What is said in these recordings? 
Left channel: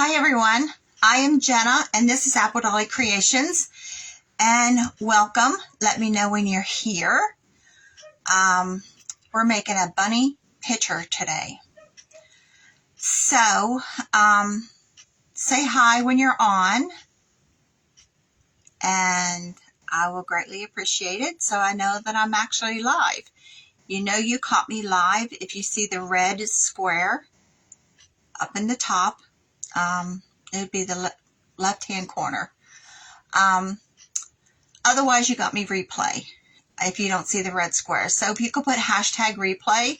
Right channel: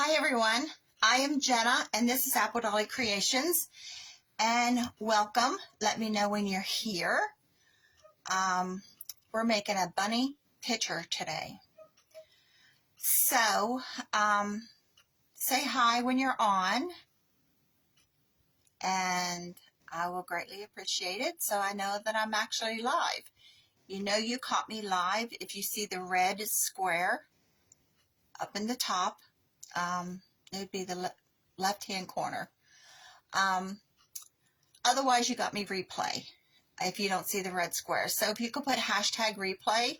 Hi everyone, I am Jenna and this is Apple Dolly Creations, and welcome. Let me know when you're here. We're making a bunny picture today. So say hi when you're on and I will greatly appreciate it so I know that I'm actually live. You know you caught me live if you see the red square up in the top. It would be the left-hand corner. Otherwise, you got me replay if you don't see the red square. So if you could put hashtag replay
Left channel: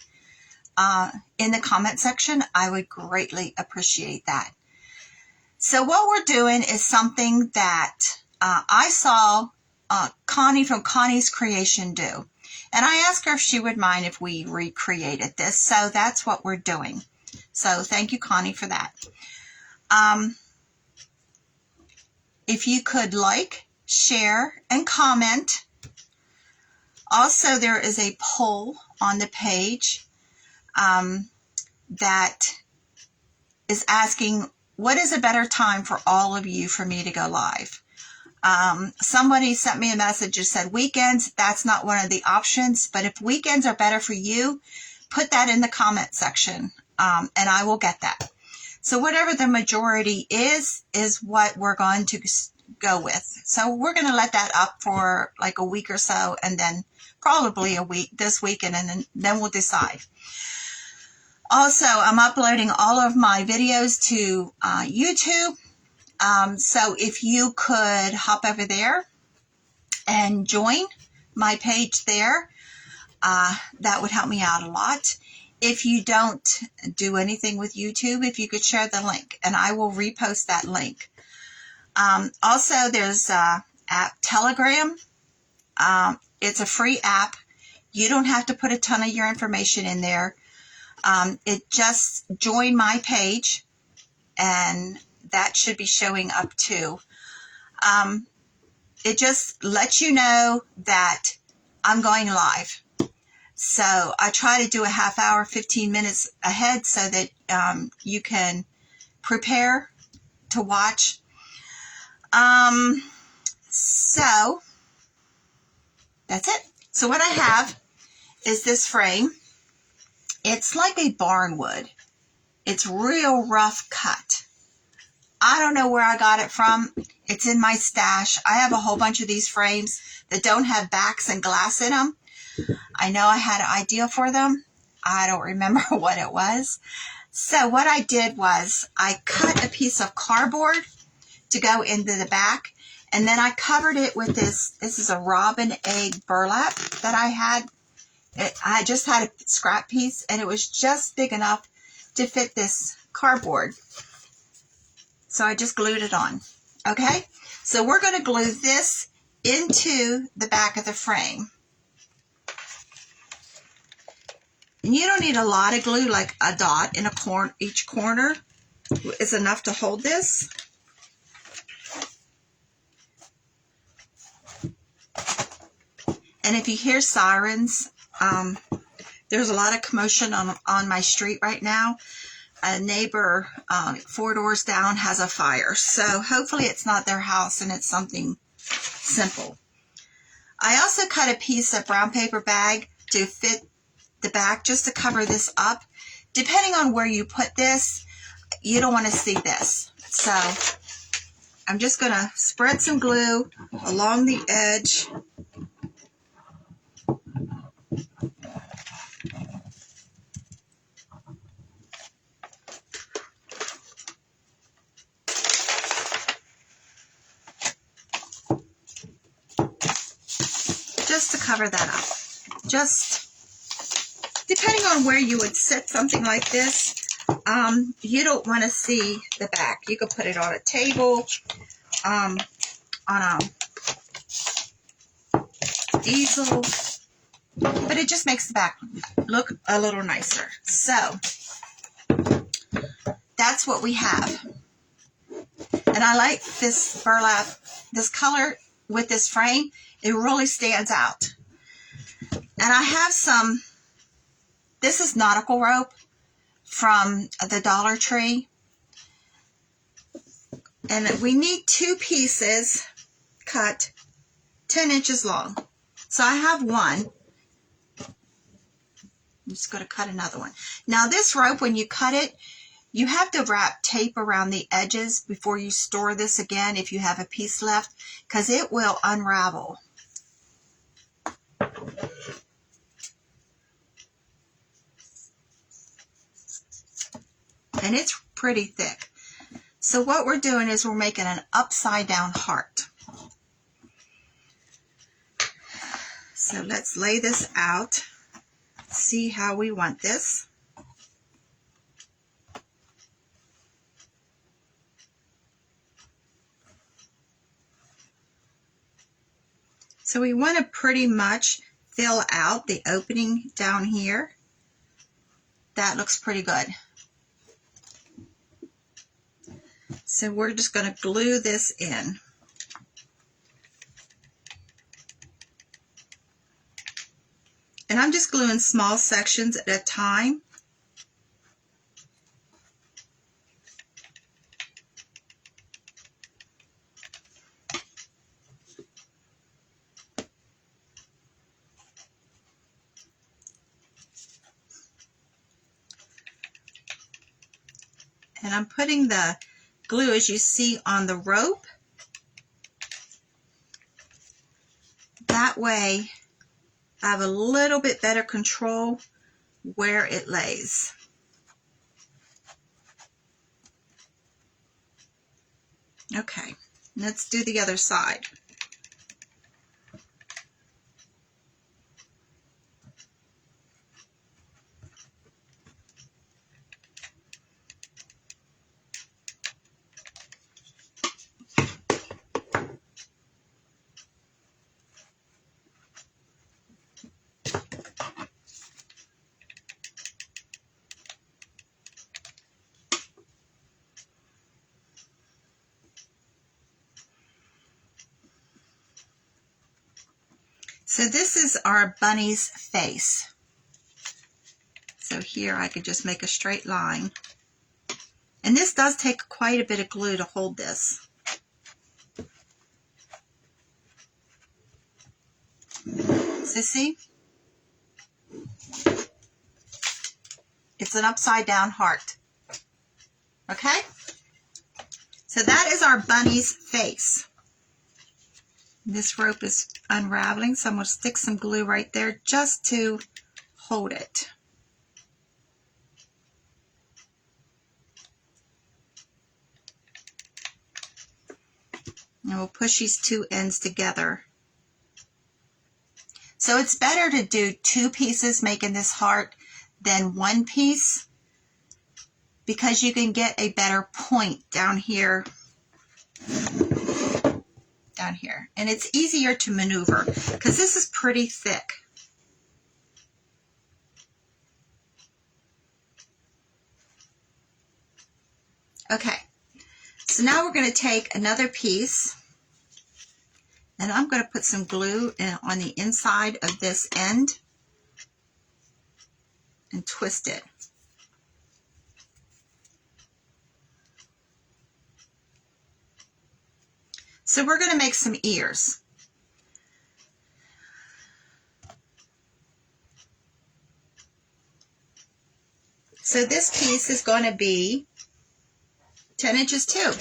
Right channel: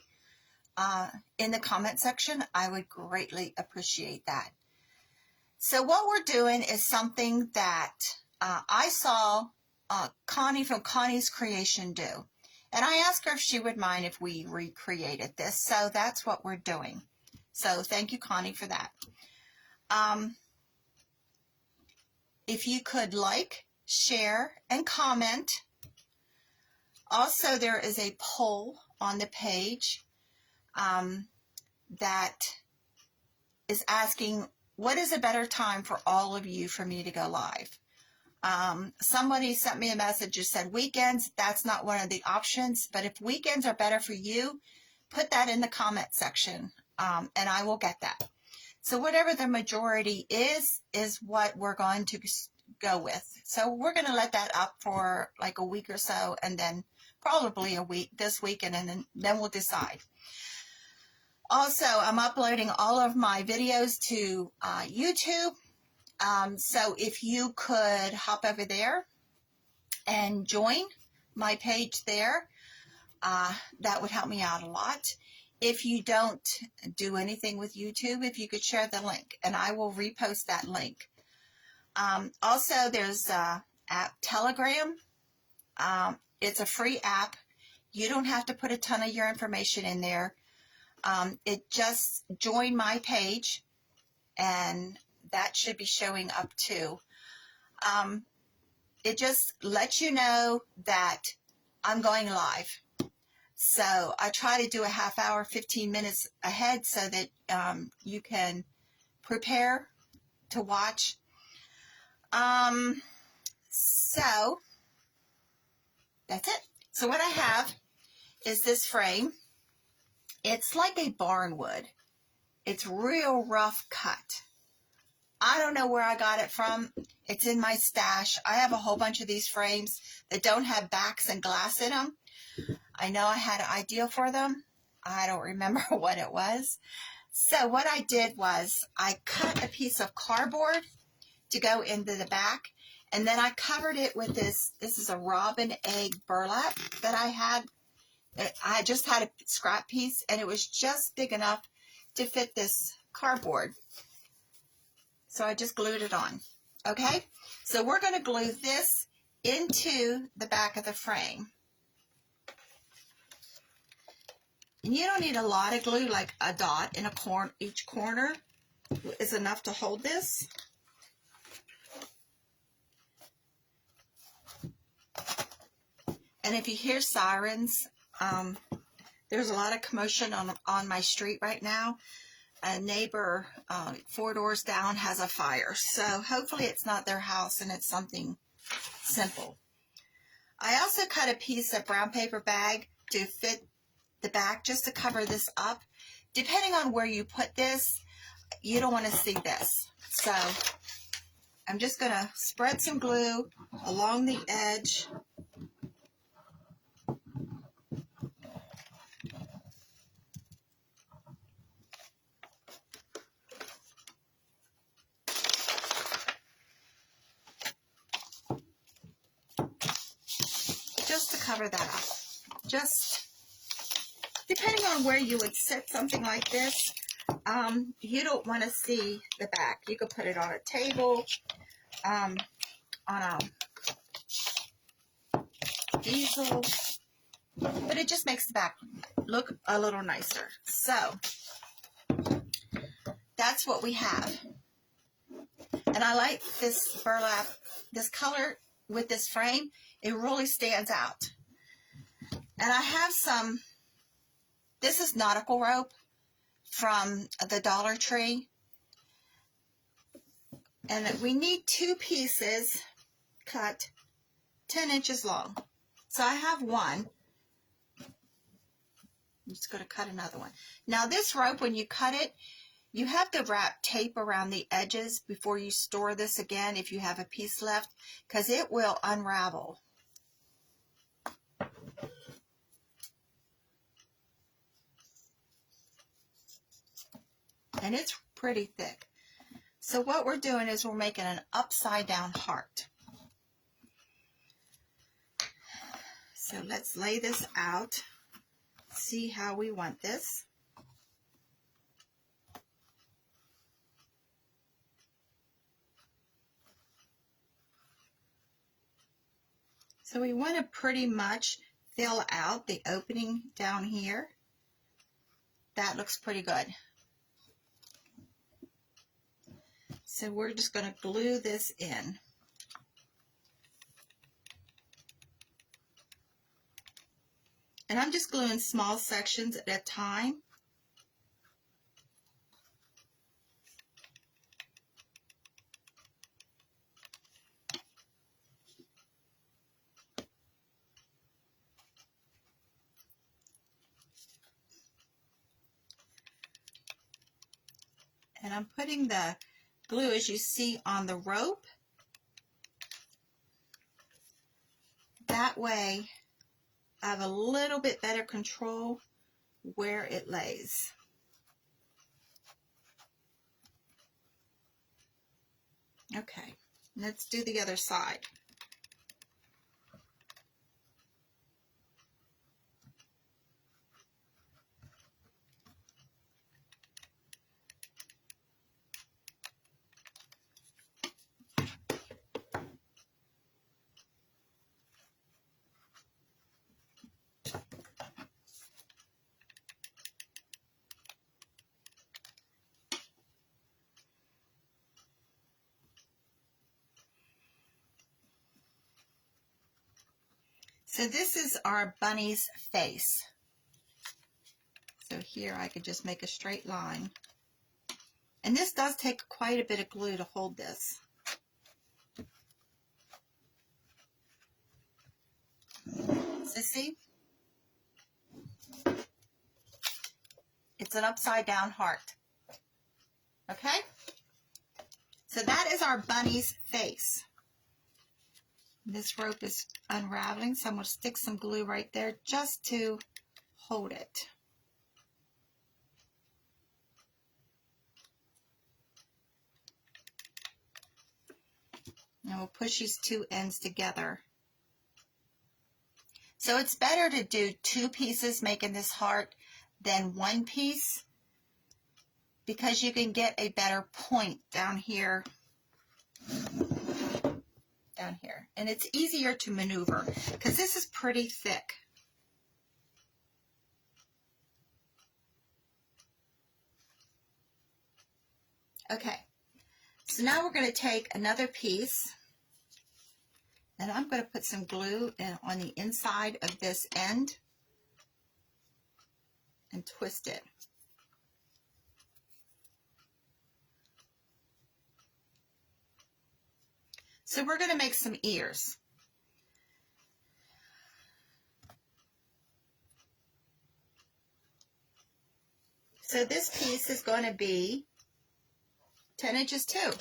in the comment section, I would greatly appreciate that. So what we're doing is something that I saw Connie from Connie's Creation do. And I asked her if she would mind if we recreated this. So that's what we're doing. So thank you, Connie, for that. If you could like, share, and comment. Also, there is a poll on the page that is asking, what is a better time for all of you for me to go live? Somebody sent me a message that said weekends. That's not one of the options, but if weekends are better for you, put that in the comment section, and I will get that. So whatever the majority is what we're going to go with. So we're going to let that up for like a week or so, and then probably a week this weekend, and then we'll decide. Also, I'm uploading all of my videos to YouTube. So if you could hop over there and join my page there, that would help me out a lot. If you don't do anything with YouTube, if you could share the link, and I will repost that link. Also, there's app Telegram. It's a free app. You don't have to put a ton of your information in there. It just join my page, and that should be showing up too. It just lets you know that I'm going live. So I try to do a half hour, 15 minutes ahead so that you can prepare to watch. So that's it. So what I have is this frame. It's like a barnwood. It's real rough cut. I don't know where I got it from. It's in my stash. I have a whole bunch of these frames that don't have backs and glass in them. I know I had an idea for them. I don't remember what it was. So what I did was I cut a piece of cardboard to go into the back, and then I covered it with this. This is a robin egg burlap that I had. I just had a scrap piece, and it was just big enough to fit this cardboard. So I just glued it on. Okay? So we're going to glue this into the back of the frame. And you don't need a lot of glue, like a dot in each corner is enough to hold this. And if you hear sirens, there's a lot of commotion on my street right now. A neighbor 4 doors down has a fire. So hopefully it's not their house and it's something simple. I also cut a piece of brown paper bag to fit the back, just to cover this up. Depending on where you put this, you don't want to see this. So I'm just going to spread some glue along the edge. Just to cover that up. Just depending on where you would sit something like this, you don't want to see the back. You could put it on a table, on a easel, but it just makes the back look a little nicer. So that's what we have. And I like this burlap, this color with this frame. It really stands out. And I have some, this is nautical rope from the Dollar Tree. And we need 2 pieces cut 10 inches long. So I have one. I'm just going to cut another one. Now this rope, when you cut it, you have to wrap tape around the edges before you store this again if you have a piece left, because it will unravel. And it's pretty thick. So what we're doing is we're making an upside down heart. So let's lay this out, see how we want this. So we want to pretty much fill out the opening down here. That looks pretty good. So we're just going to glue this in. And I'm just gluing small sections at a time. And I'm putting the glue, as you see, on the rope. That way I have a little bit better control where it lays. Okay, let's do the other side. So this is our bunny's face. So here I could just make a straight line. And this does take quite a bit of glue to hold this. So see? It's an upside down heart. Okay? So that is our bunny's face. This rope is unraveling, so I'm going to stick some glue right there just to hold it. And we'll push these 2 ends together. So it's better to do 2 pieces making this heart than 1 piece, because you can get a better point down here. Down here. And it's easier to maneuver because this is pretty thick. Okay, so now we're going to take another piece and I'm going to put some glue on the inside of this end and twist it. So we're going to make some ears. So this piece is going to be 10 inches too.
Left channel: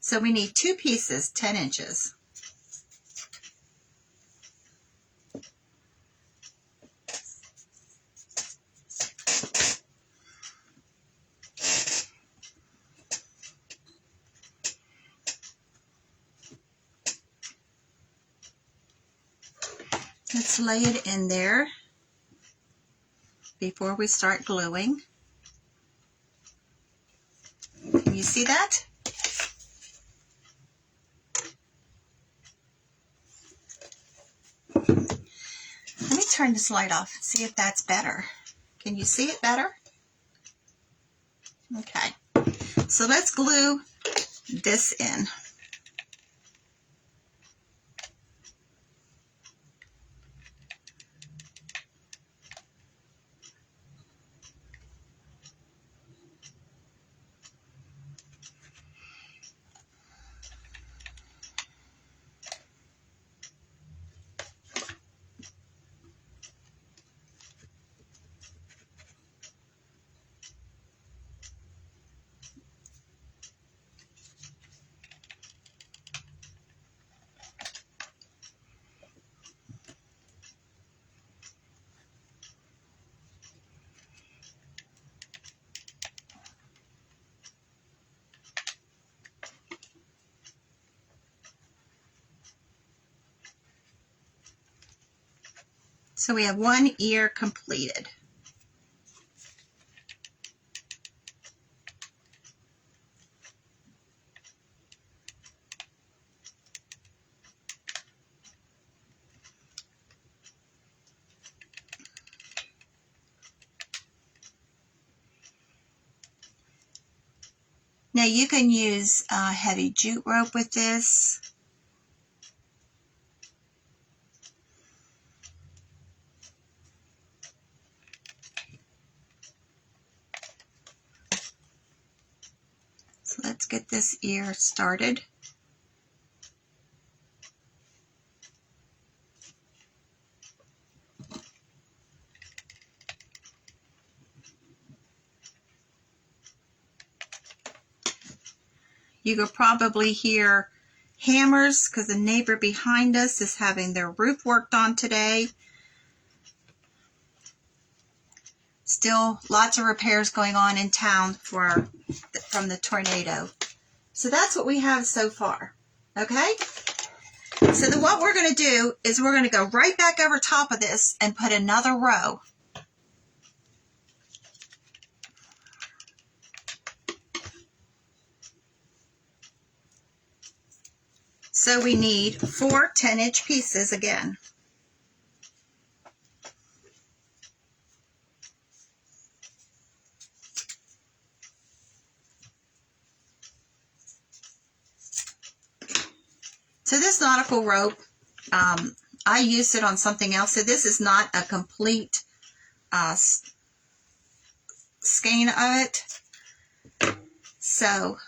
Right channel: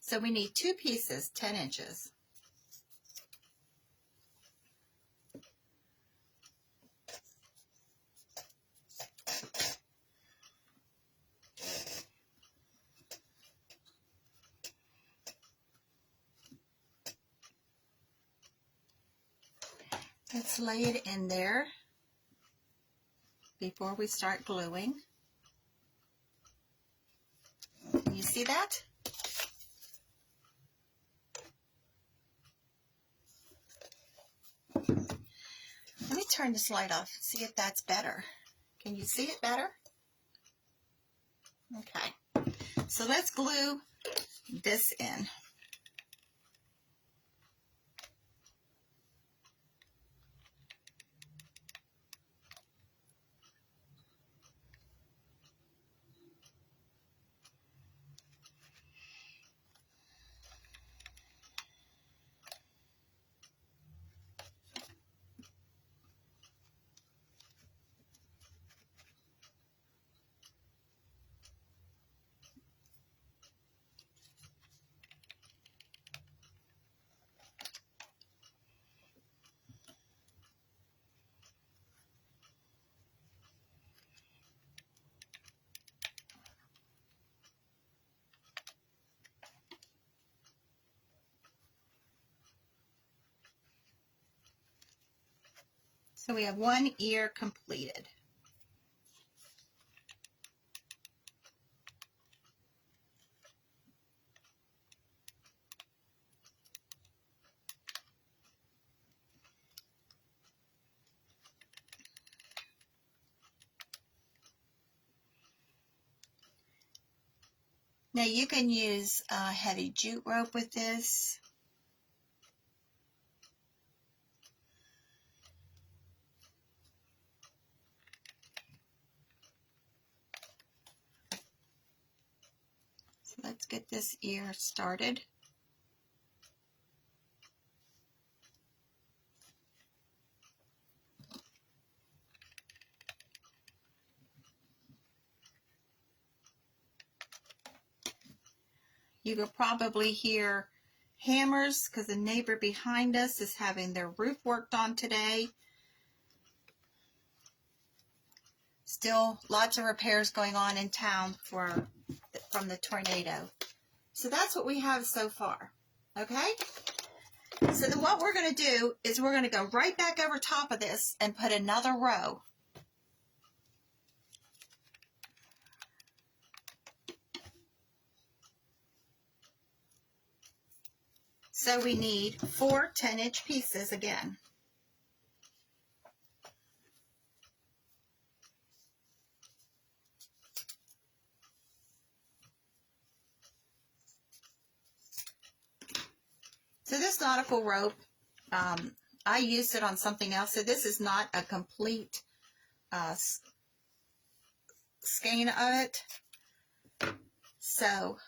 So we need 2 pieces, 10 inches. Let's lay it in there before we start gluing. Can you see that? Let me turn this light off and see if that's better. Can you see it better? Okay, so let's glue this in. So we have one ear completed. Now you can use heavy jute rope with this. So let's get this ear started. You could probably hear hammers because the neighbor behind us is having their roof worked on today. Still lots of repairs going on in town from the tornado. So that's what we have so far. Okay? So then what we're going to do is we're going to go right back over top of this and put another row. So we need 4 10-inch pieces again. So this nautical rope, I used it on something else. So this is not a complete skein of it. So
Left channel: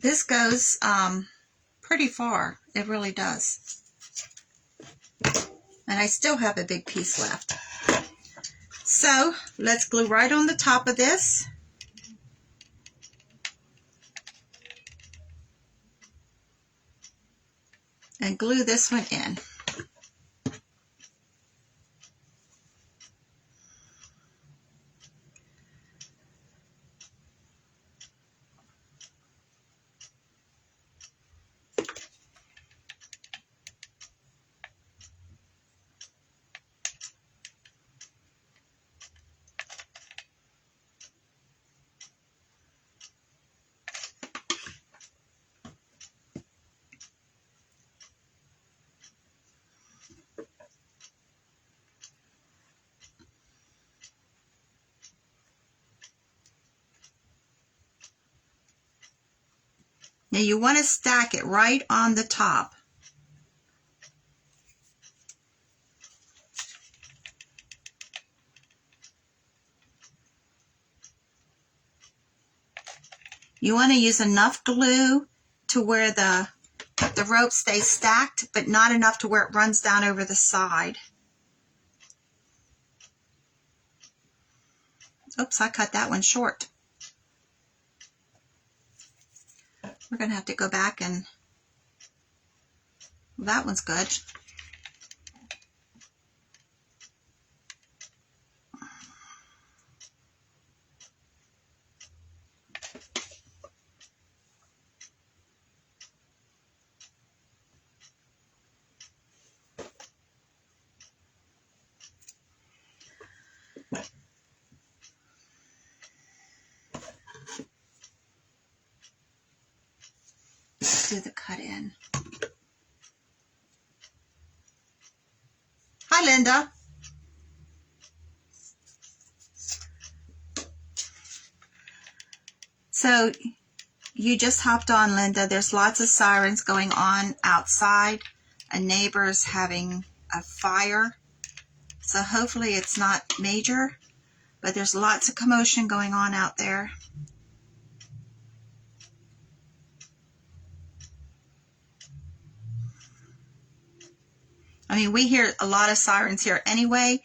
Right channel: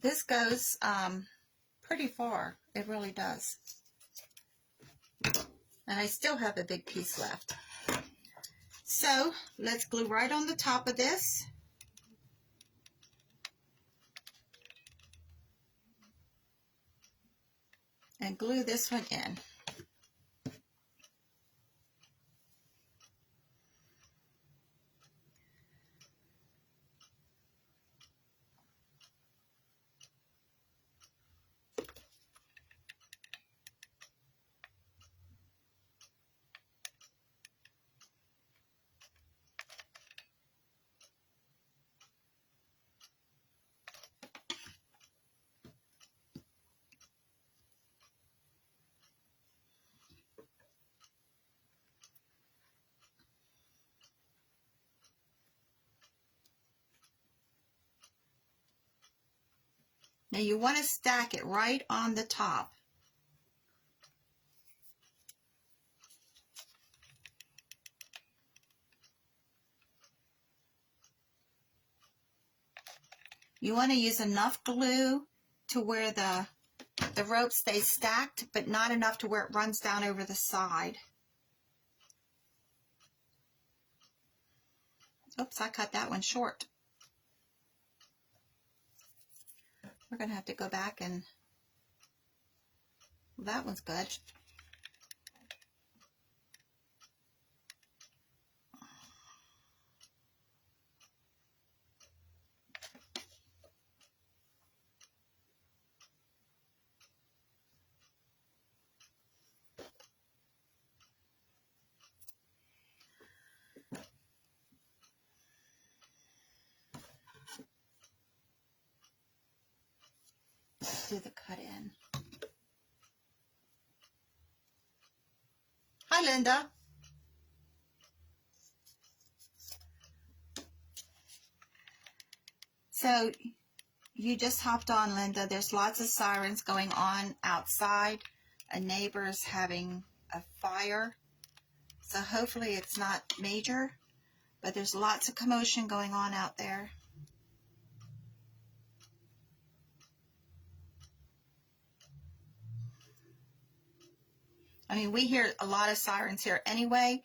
this goes pretty far. It really does. And I still have a big piece left. So let's glue right on the top of this. And glue this one in. Now you want to stack it right on the top. You want to use enough glue to where the rope stays stacked, but not enough to where it runs down over the side. Oops, I cut that one short. We're going to have to go back and, well, that one's good. Do the cut in. Hi, Linda. So you just hopped on, Linda. There's lots of sirens going on outside. A neighbor's having a fire. So hopefully it's not major, but there's lots of commotion going on out there. I mean, we hear a lot of sirens here anyway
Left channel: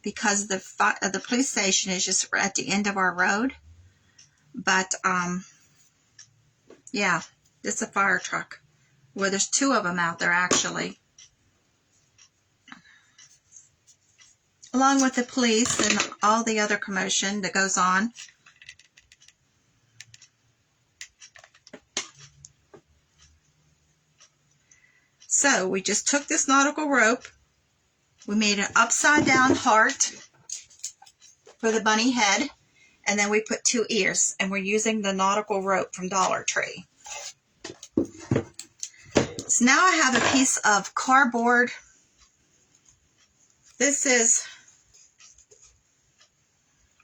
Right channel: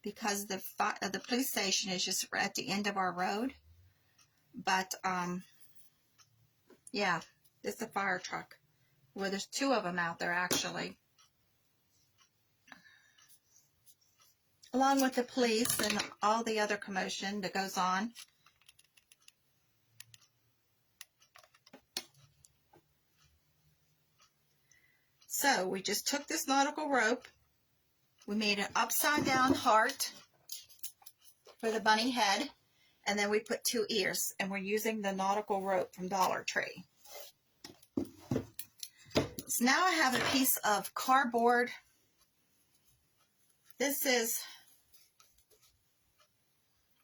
because the police station is just at the end of our road. But, yeah, it's a fire truck. Well, there's 2 of them out there, actually. Along with the police and all the other commotion that goes on. So we just took this nautical rope, we made an upside down heart for the bunny head, and then we put 2 ears, and we're using the nautical rope from Dollar Tree. So now I have a piece of cardboard. This is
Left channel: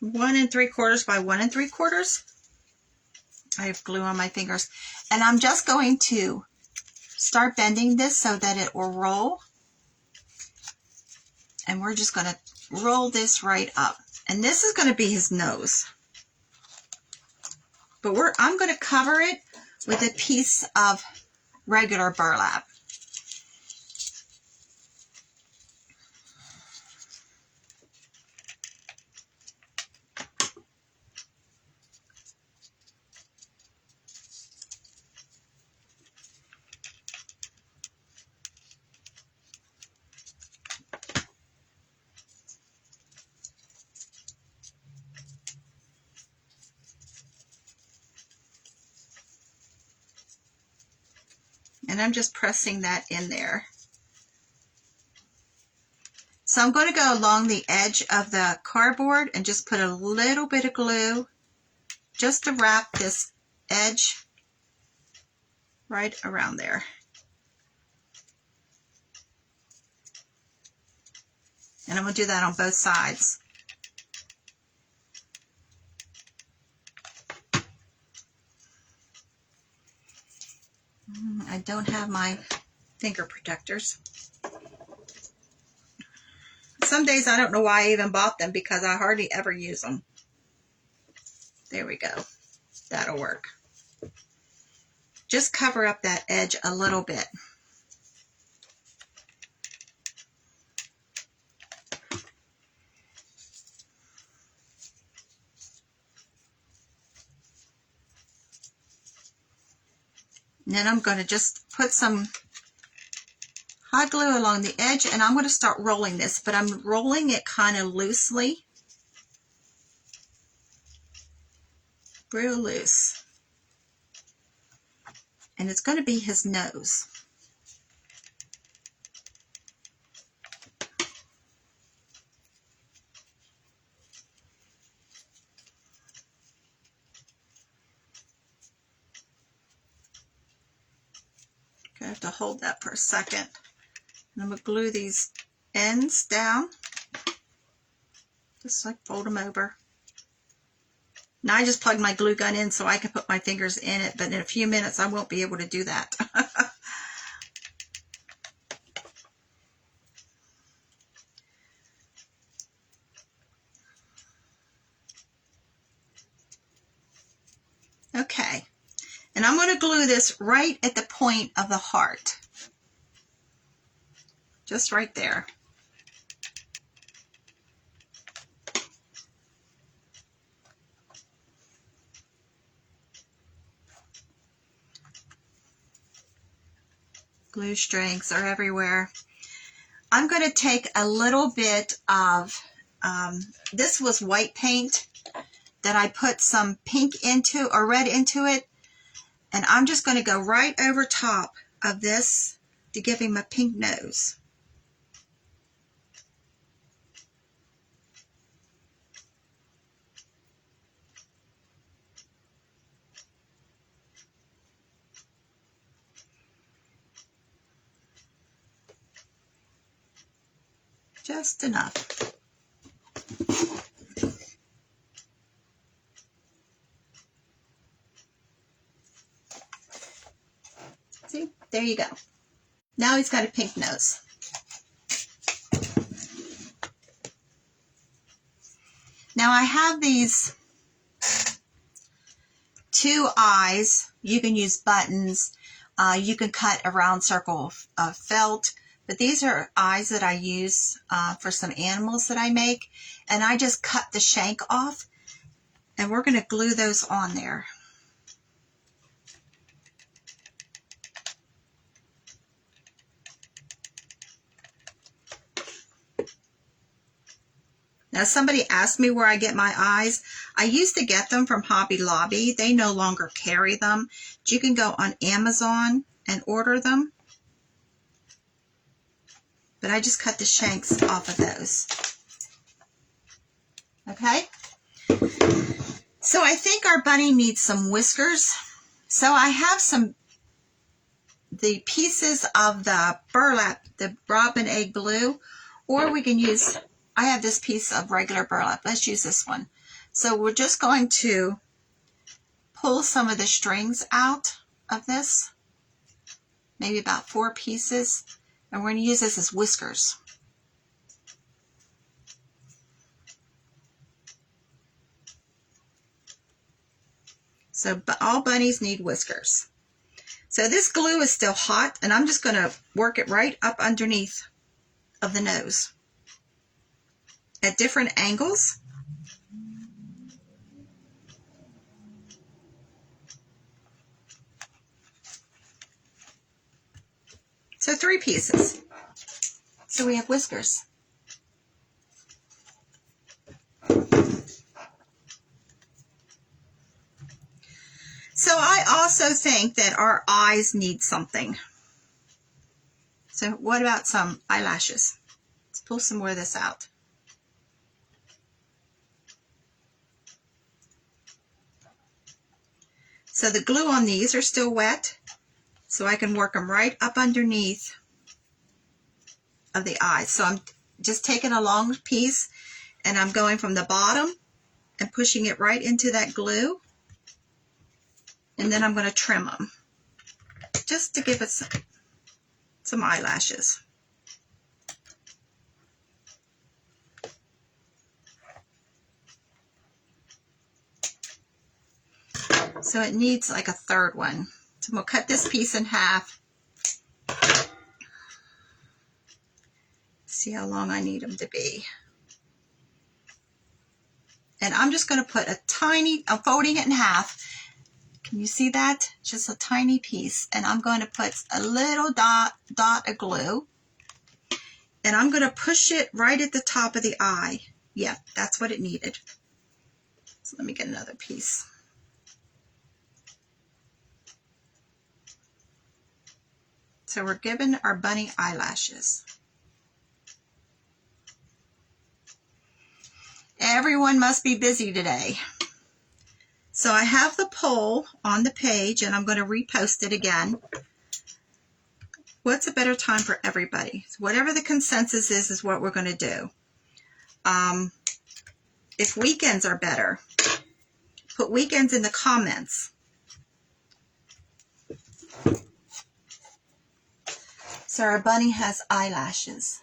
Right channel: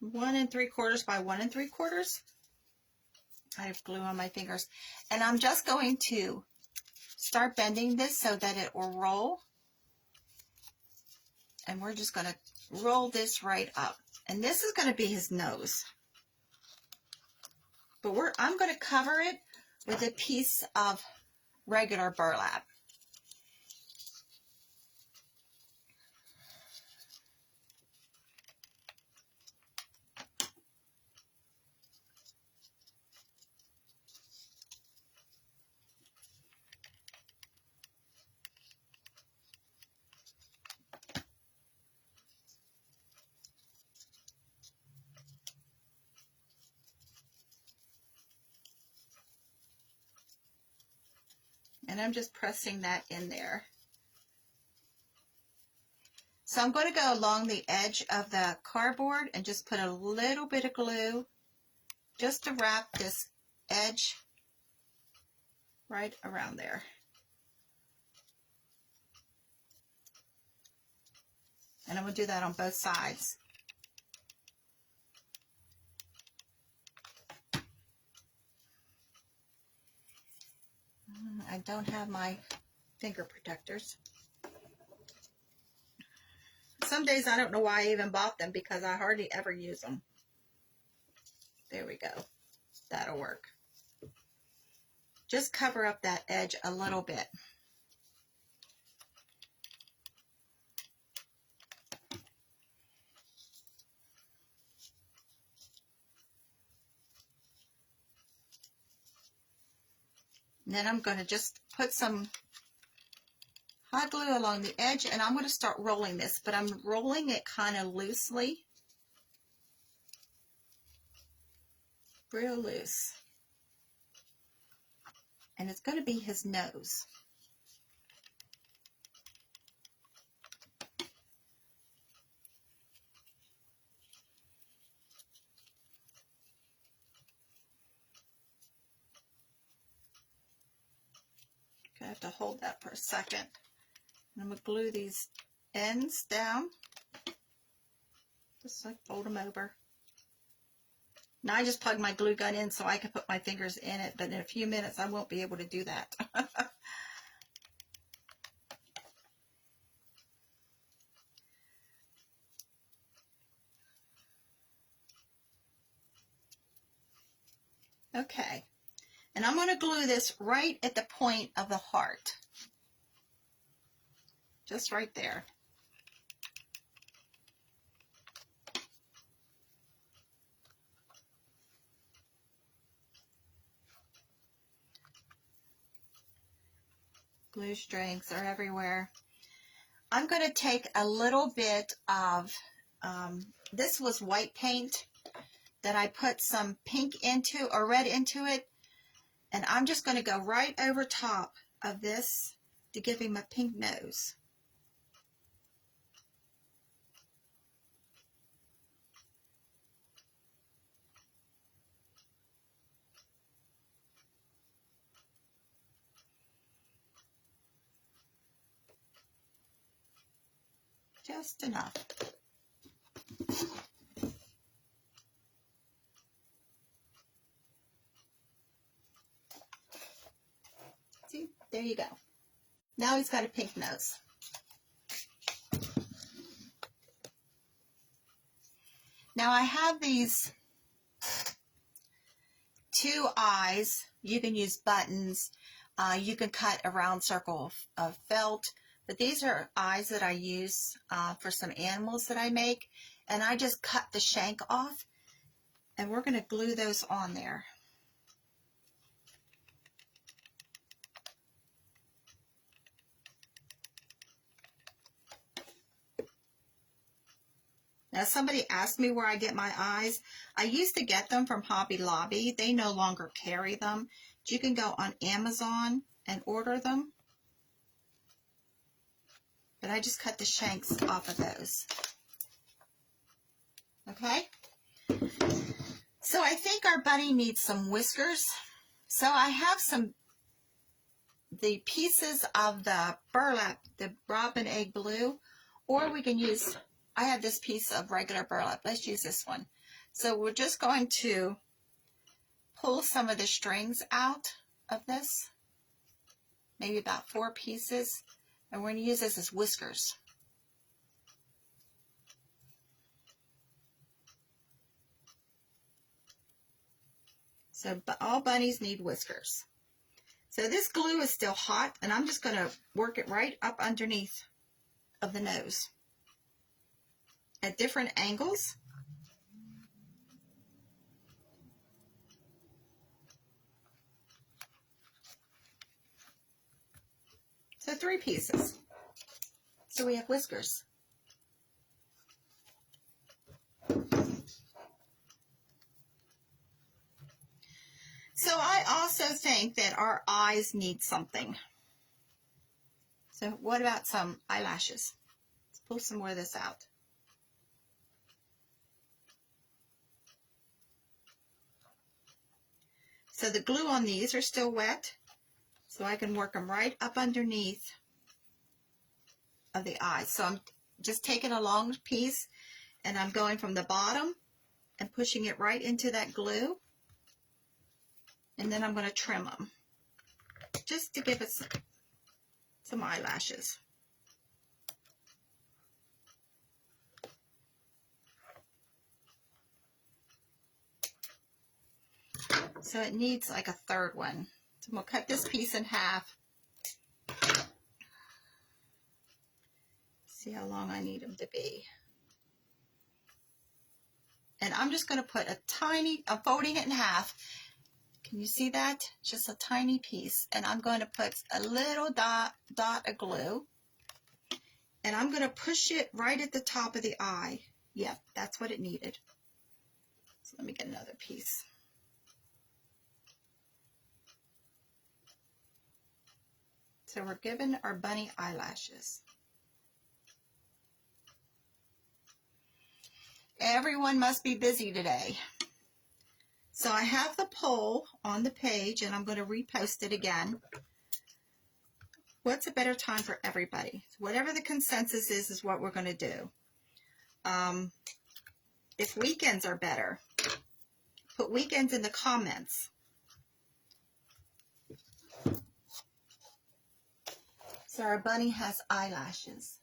1 3/4 by 1 3/4. I have glue on my fingers, and I'm just going to start bending this so that it will roll, and we're just going to roll this right up, and this is going to be his nose, but I'm going to cover it with a piece of regular burlap. And I'm just pressing that in there. So I'm going to go along the edge of the cardboard and just put a little bit of glue just to wrap this edge right around there. And I'm going to do that on both sides. I don't have my finger protectors. Some days I don't know why I even bought them because I hardly ever use them. There we go. That'll work. Just cover up that edge a little bit. And then I'm going to just put some hot glue along the edge, and I'm going to start rolling this, but I'm rolling it kind of loosely. Real loose. And it's going to be his nose. I have to hold that for a second. And I'm going to glue these ends down. Just like fold them over. Now I just plug my glue gun in so I can put my fingers in it, but in a few minutes I won't be able to do that. Okay. And I'm going to glue this right at the point of the heart. Just right there. Glue strings are everywhere. I'm going to take a little bit of, this was white paint that I put some pink into or red into it. And I'm just going to go right over top of this to give him a pink nose. Just enough. See, there you go. Now he's got a pink nose. Now I have these 2 eyes. You can use buttons. You can cut a round circle of felt. But these are eyes that I use for some animals that I make. And I just cut the shank off. And we're going to glue those on there. Now, somebody asked me where I get my eyes. I used to get them from Hobby Lobby. They no longer carry them. You can go on Amazon and order them. but I just cut the shanks off of those. Okay? So I think our bunny needs some whiskers. So I have the pieces of the burlap, the robin egg blue, or we can use, I have this piece of regular burlap. Let's use this one. So we're just going to pull some of the strings out of this, maybe about 4 pieces, and we're going to use this as whiskers. So all bunnies need whiskers. So this glue is still hot, and I'm just going to work it right up underneath of the nose at different angles. So 3 pieces. So we have whiskers. So I also think that our eyes need something. So what about some eyelashes? Let's pull some more of this out. So the glue on these are still wet, so I can work them right up underneath of the eyes. So I'm just taking a long piece and I'm going from the bottom and pushing it right into that glue. And then I'm going to trim them just to give it some eyelashes. So it needs like a third one. So we'll cut this piece in half. See how long I need them to be. And I'm just going to put a tiny, I'm folding it in half. Can you see that? Just a tiny piece. And I'm going to put a little dot of glue. And I'm going to push it right at the top of the eye. Yep, that's what it needed. So let me get another piece. So we're giving our bunny eyelashes. Everyone must be busy today. So I have the poll on the page and I'm going to repost it again. What's a better time for everybody? So whatever the consensus is what we're going to do. If weekends are better, put weekends in the comments. So our bunny has eyelashes.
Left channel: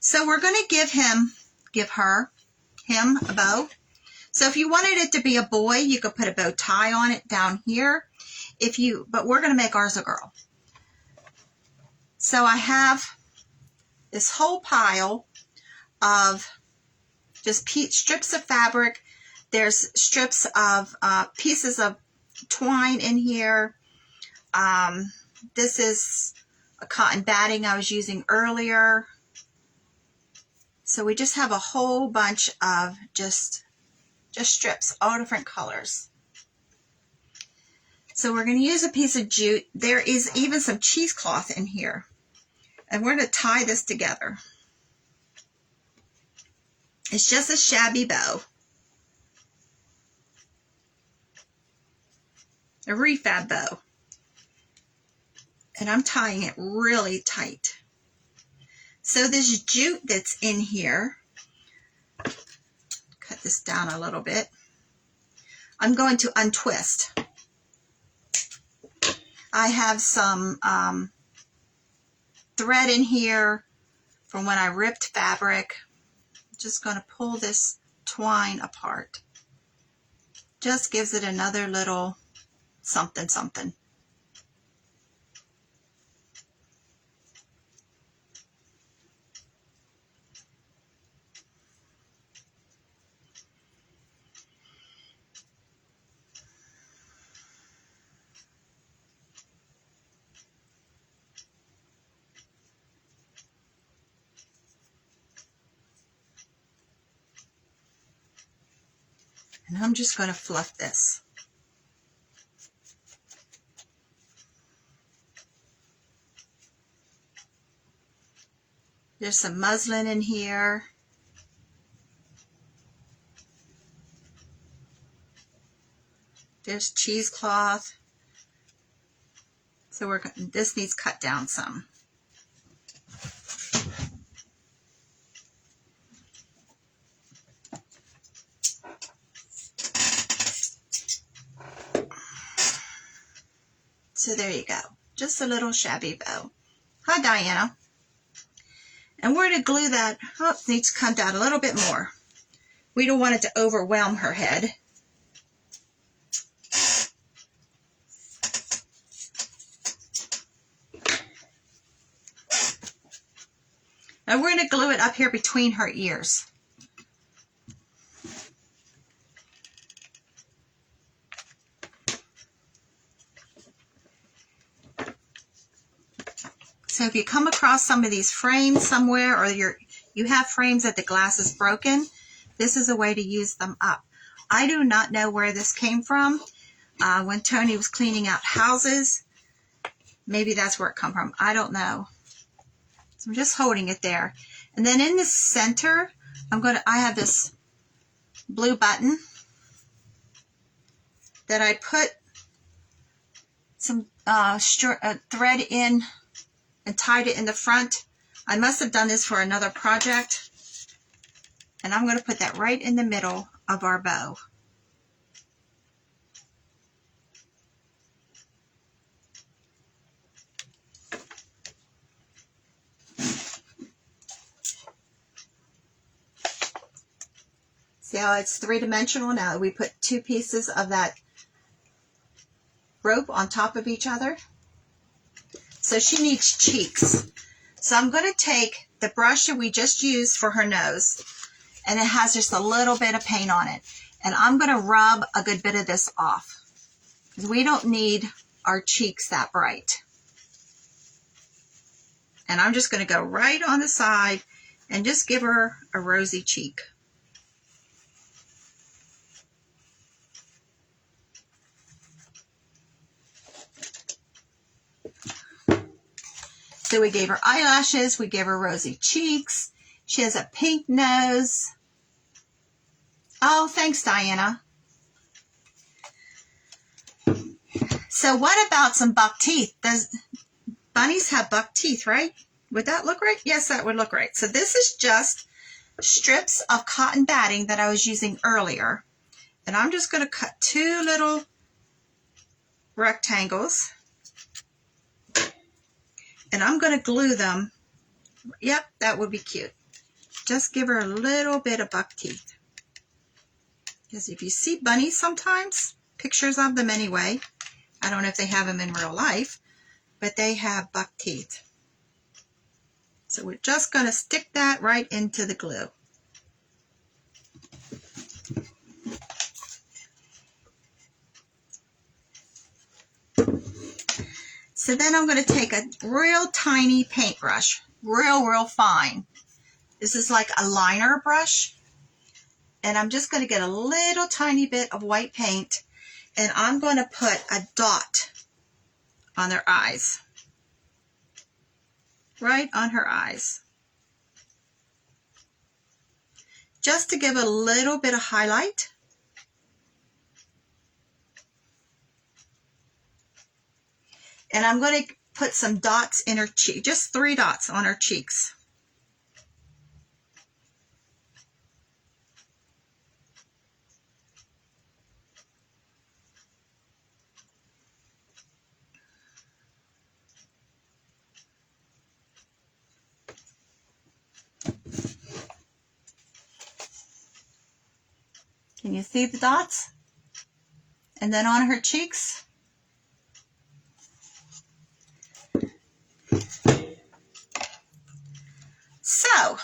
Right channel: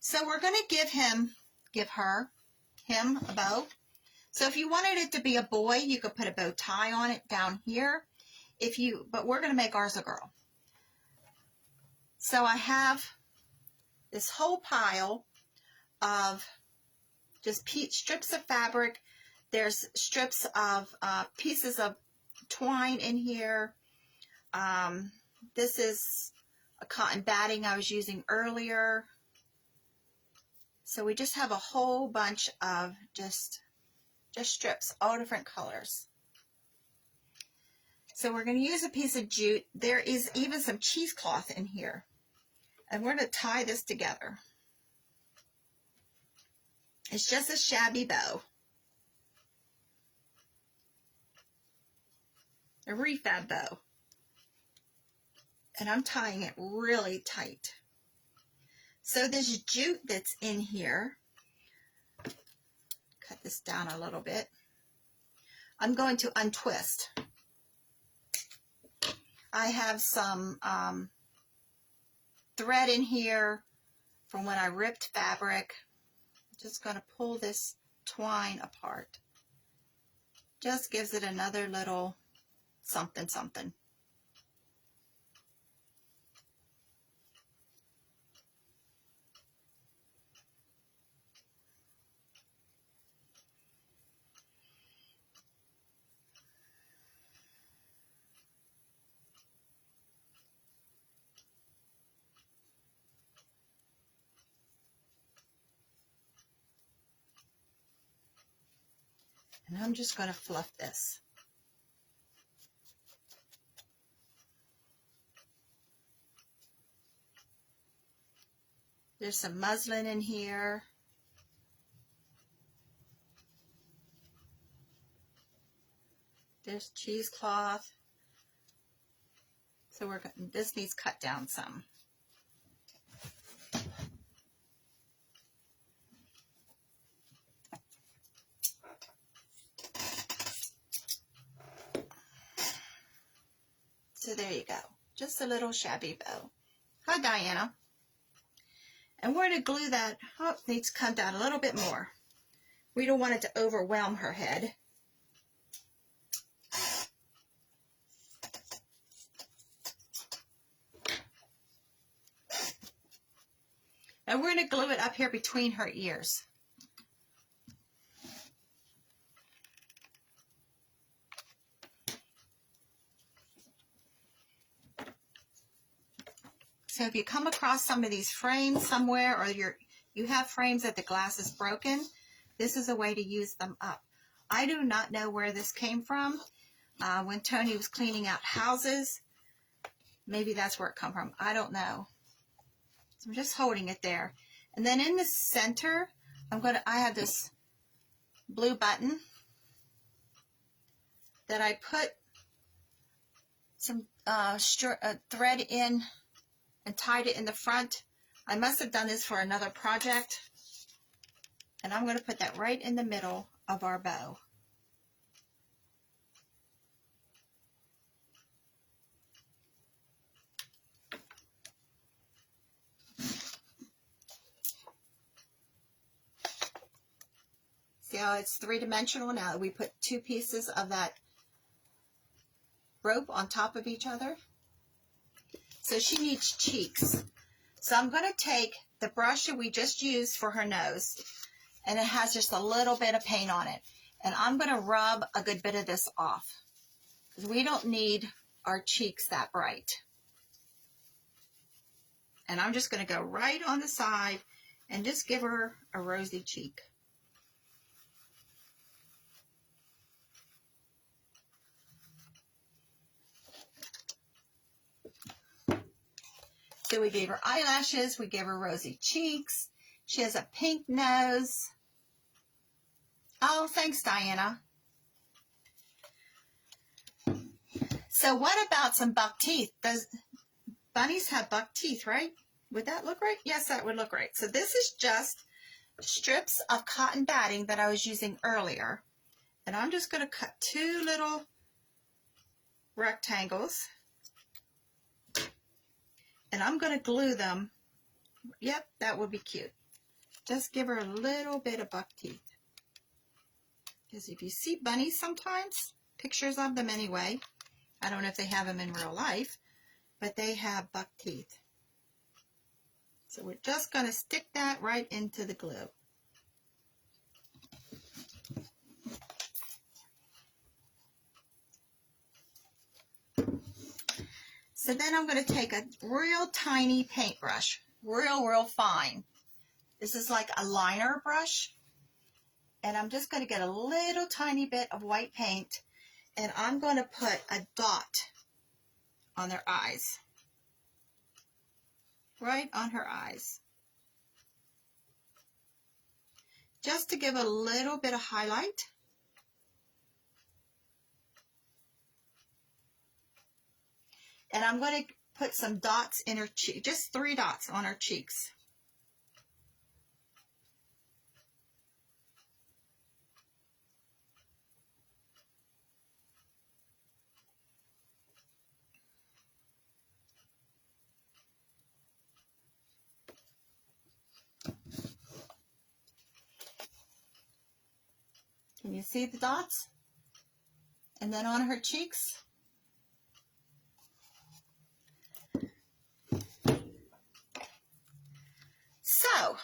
So we're going to give him a bow. So if you wanted it to be a boy, you could put a bow tie on it down here. But we're going to make ours a girl. So I have this whole pile of just strips of fabric. There's strips of pieces of twine in here. This is a cotton batting I was using earlier. So we just have a whole bunch of just strips, all different colors. So we're going to use a piece of jute. There is even some cheesecloth in here. And we're going to tie this together. It's just a shabby bow. A refab bow. And I'm tying it really tight. So this jute that's in here, cut this down a little bit, I'm going to untwist. I have some thread in here from when I ripped fabric. I'm just going to pull this twine apart. Just gives it another little something something. And I'm just going to fluff this. There's some muslin in here. There's cheesecloth. So this needs cut down some. So there you go. Just a little shabby bow. Hi, Diana. And we're going to glue that. Oh, it needs to come down a little bit more. We don't want it to overwhelm her head. And we're going to glue it up here between her ears. So if you come across some of these frames somewhere, or you have frames that the glass is broken, this is a way to use them up. I do not know where this came from. When Tony was cleaning out houses, maybe that's where it come from. I don't know. So I'm just holding it there. And then in the center, I have this blue button that I put some thread in and tied it in the front. I must have done this for another project. And I'm going to put that right in the middle of our bow. See how it's three-dimensional now? We put two pieces of that rope on top of each other. So she needs cheeks. So I'm going to take the brush that we just used for her nose, and it has just a little bit of paint on it. And I'm going to rub a good bit of this off, because we don't need our cheeks that bright. And I'm just going to go right on the side and just give her a rosy cheek. So we gave her eyelashes, we gave her rosy cheeks. She has a pink nose. Oh, thanks, Diana. So what about some buck teeth? Bunnies have buck teeth, right? Would that look right? Yes, that would look right. So this is just strips of cotton batting that I was using earlier. And I'm just going to cut two little rectangles. And I'm going to glue them. Yep, that would be cute. Just give her a little bit of buck teeth. Because if you see bunnies sometimes, pictures of them anyway, I don't know if they have them in real life, but they have buck teeth. So we're just going to stick that right into the glue. So then I'm going to take a real tiny paintbrush, real fine. This is like a liner brush. And I'm just going to get a little tiny bit of white paint, and I'm going to put a dot on their eyes. Right on her eyes. Just to give a little bit of highlight. And I'm going to put some dots in her cheek, just 3 dots on her cheeks. Can you see the dots? And then on her cheeks. So,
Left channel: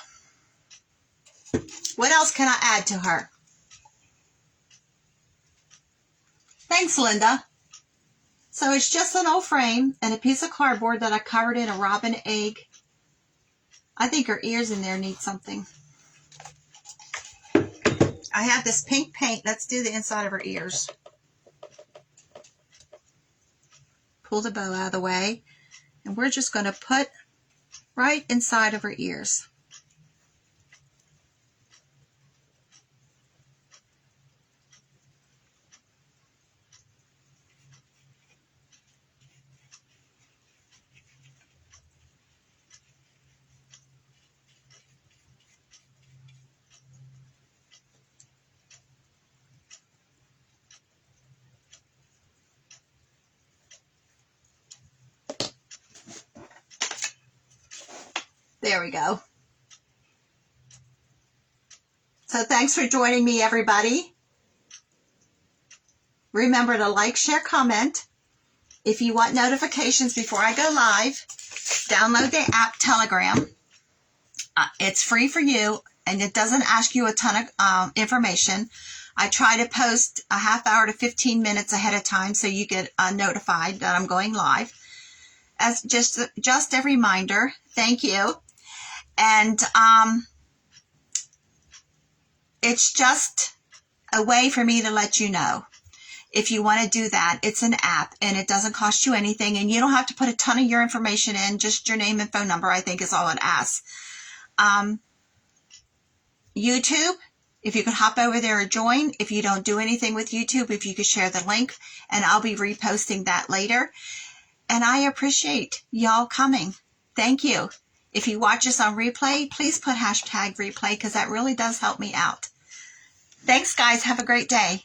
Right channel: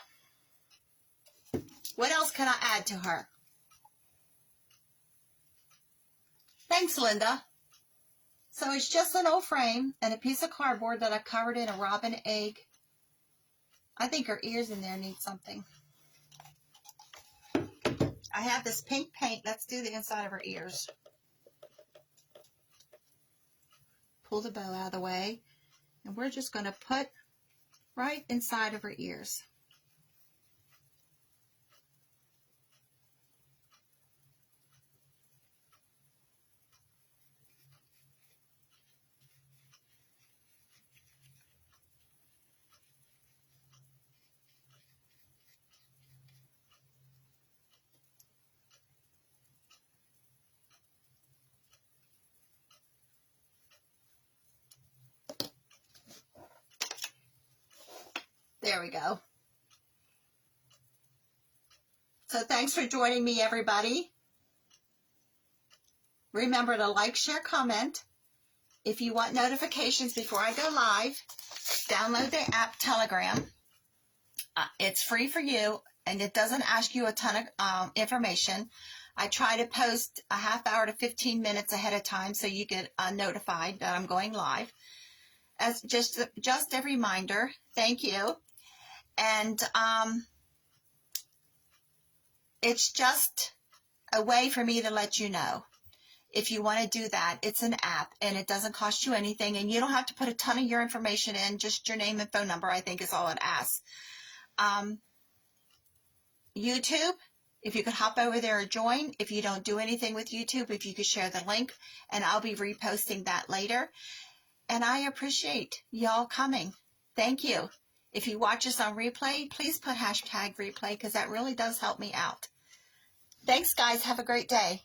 what else can I add to her? Thanks, Linda. So it's just an old frame and a piece of cardboard that I covered in a robin egg. I think her ears in there need something. I have this pink paint. Let's do the inside of her ears. Pull the bow out of the way. And we're just going to put right inside of her ears. There we go. So thanks for joining me, everybody. Remember to like, share, comment. If you want notifications before I go live, download the app Telegram. It's free for you, and it doesn't ask you a ton of information. I try to post a half hour to 15 minutes ahead of time so you get notified that I'm going live. As just a reminder, thank you. And it's just a way for me to let you know. If you want to do that, it's an app and it doesn't cost you anything, and you don't have to put a ton of your information in, just your name and phone number, I think is all it asks. YouTube, if you could hop over there or join. If you don't do anything with YouTube, if you could share the link, and I'll be reposting that later. And I appreciate y'all coming. Thank you. If you watch us on replay, please put hashtag replay, because that really does help me out. Thanks, guys. Have a great day.